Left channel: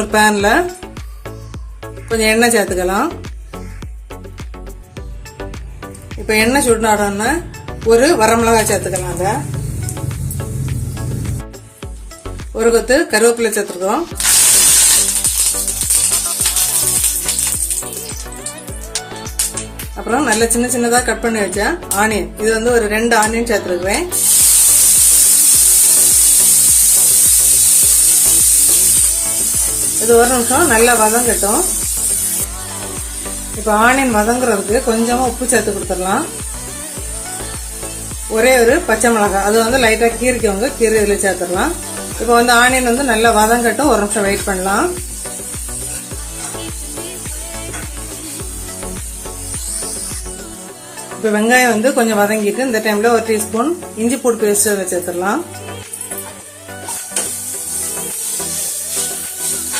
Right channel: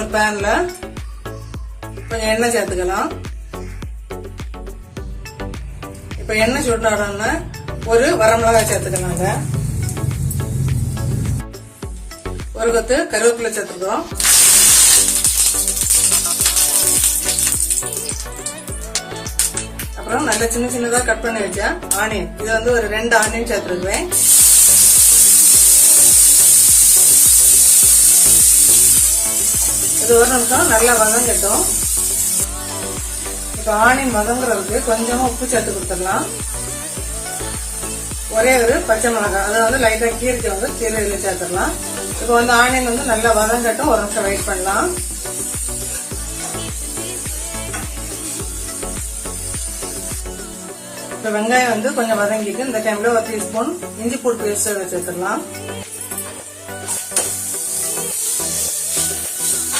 ஒரு பேன்ல கொஞ்சம் எண்ணெய் சேர்த்துக்கலாம். இப்ப எண்ணெய் சூடானோன்னா ஒரு வரமிளகாய் சேர்த்துக்கலாங்க. ஒரு கொத்து கருவேப்பிலை சேர்த்துக்கிறோம். அப்புறம் நல்ல சின்ன சின்னதா கட் பண்ணி வச்ச ஆனியன், இது வந்து ஒரு 2 ஆனியன் சேர்த்துருக்குறேன். இது ஒரு நிமிஷம் நல்லா வதங்கட்டும். இப்ப ஆனியன் வதங்குறதுக்கு கொஞ்சமா உப்பு சேர்த்து கொடுத்துடலாம். ஒரே ஒரு பச்சை மிளகாய், அது வந்து லைட்டா கீரைக்கு கீரையில சேர்த்துடலாம். இப்ப வந்து ஆனியன் வந்து நல்லா வதங்கட்டும், ஒரு நிமிஷம் வெயிட் பண்ணலாம். இப்ப வெங்காயம் வந்து கொஞ்சம் வதங்கிட்டு இந்த டைம்ல ஒரு டீஸ்பூன் இஞ்சி பூண்டு பேஸ்ட் சேர்த்துடலாம்.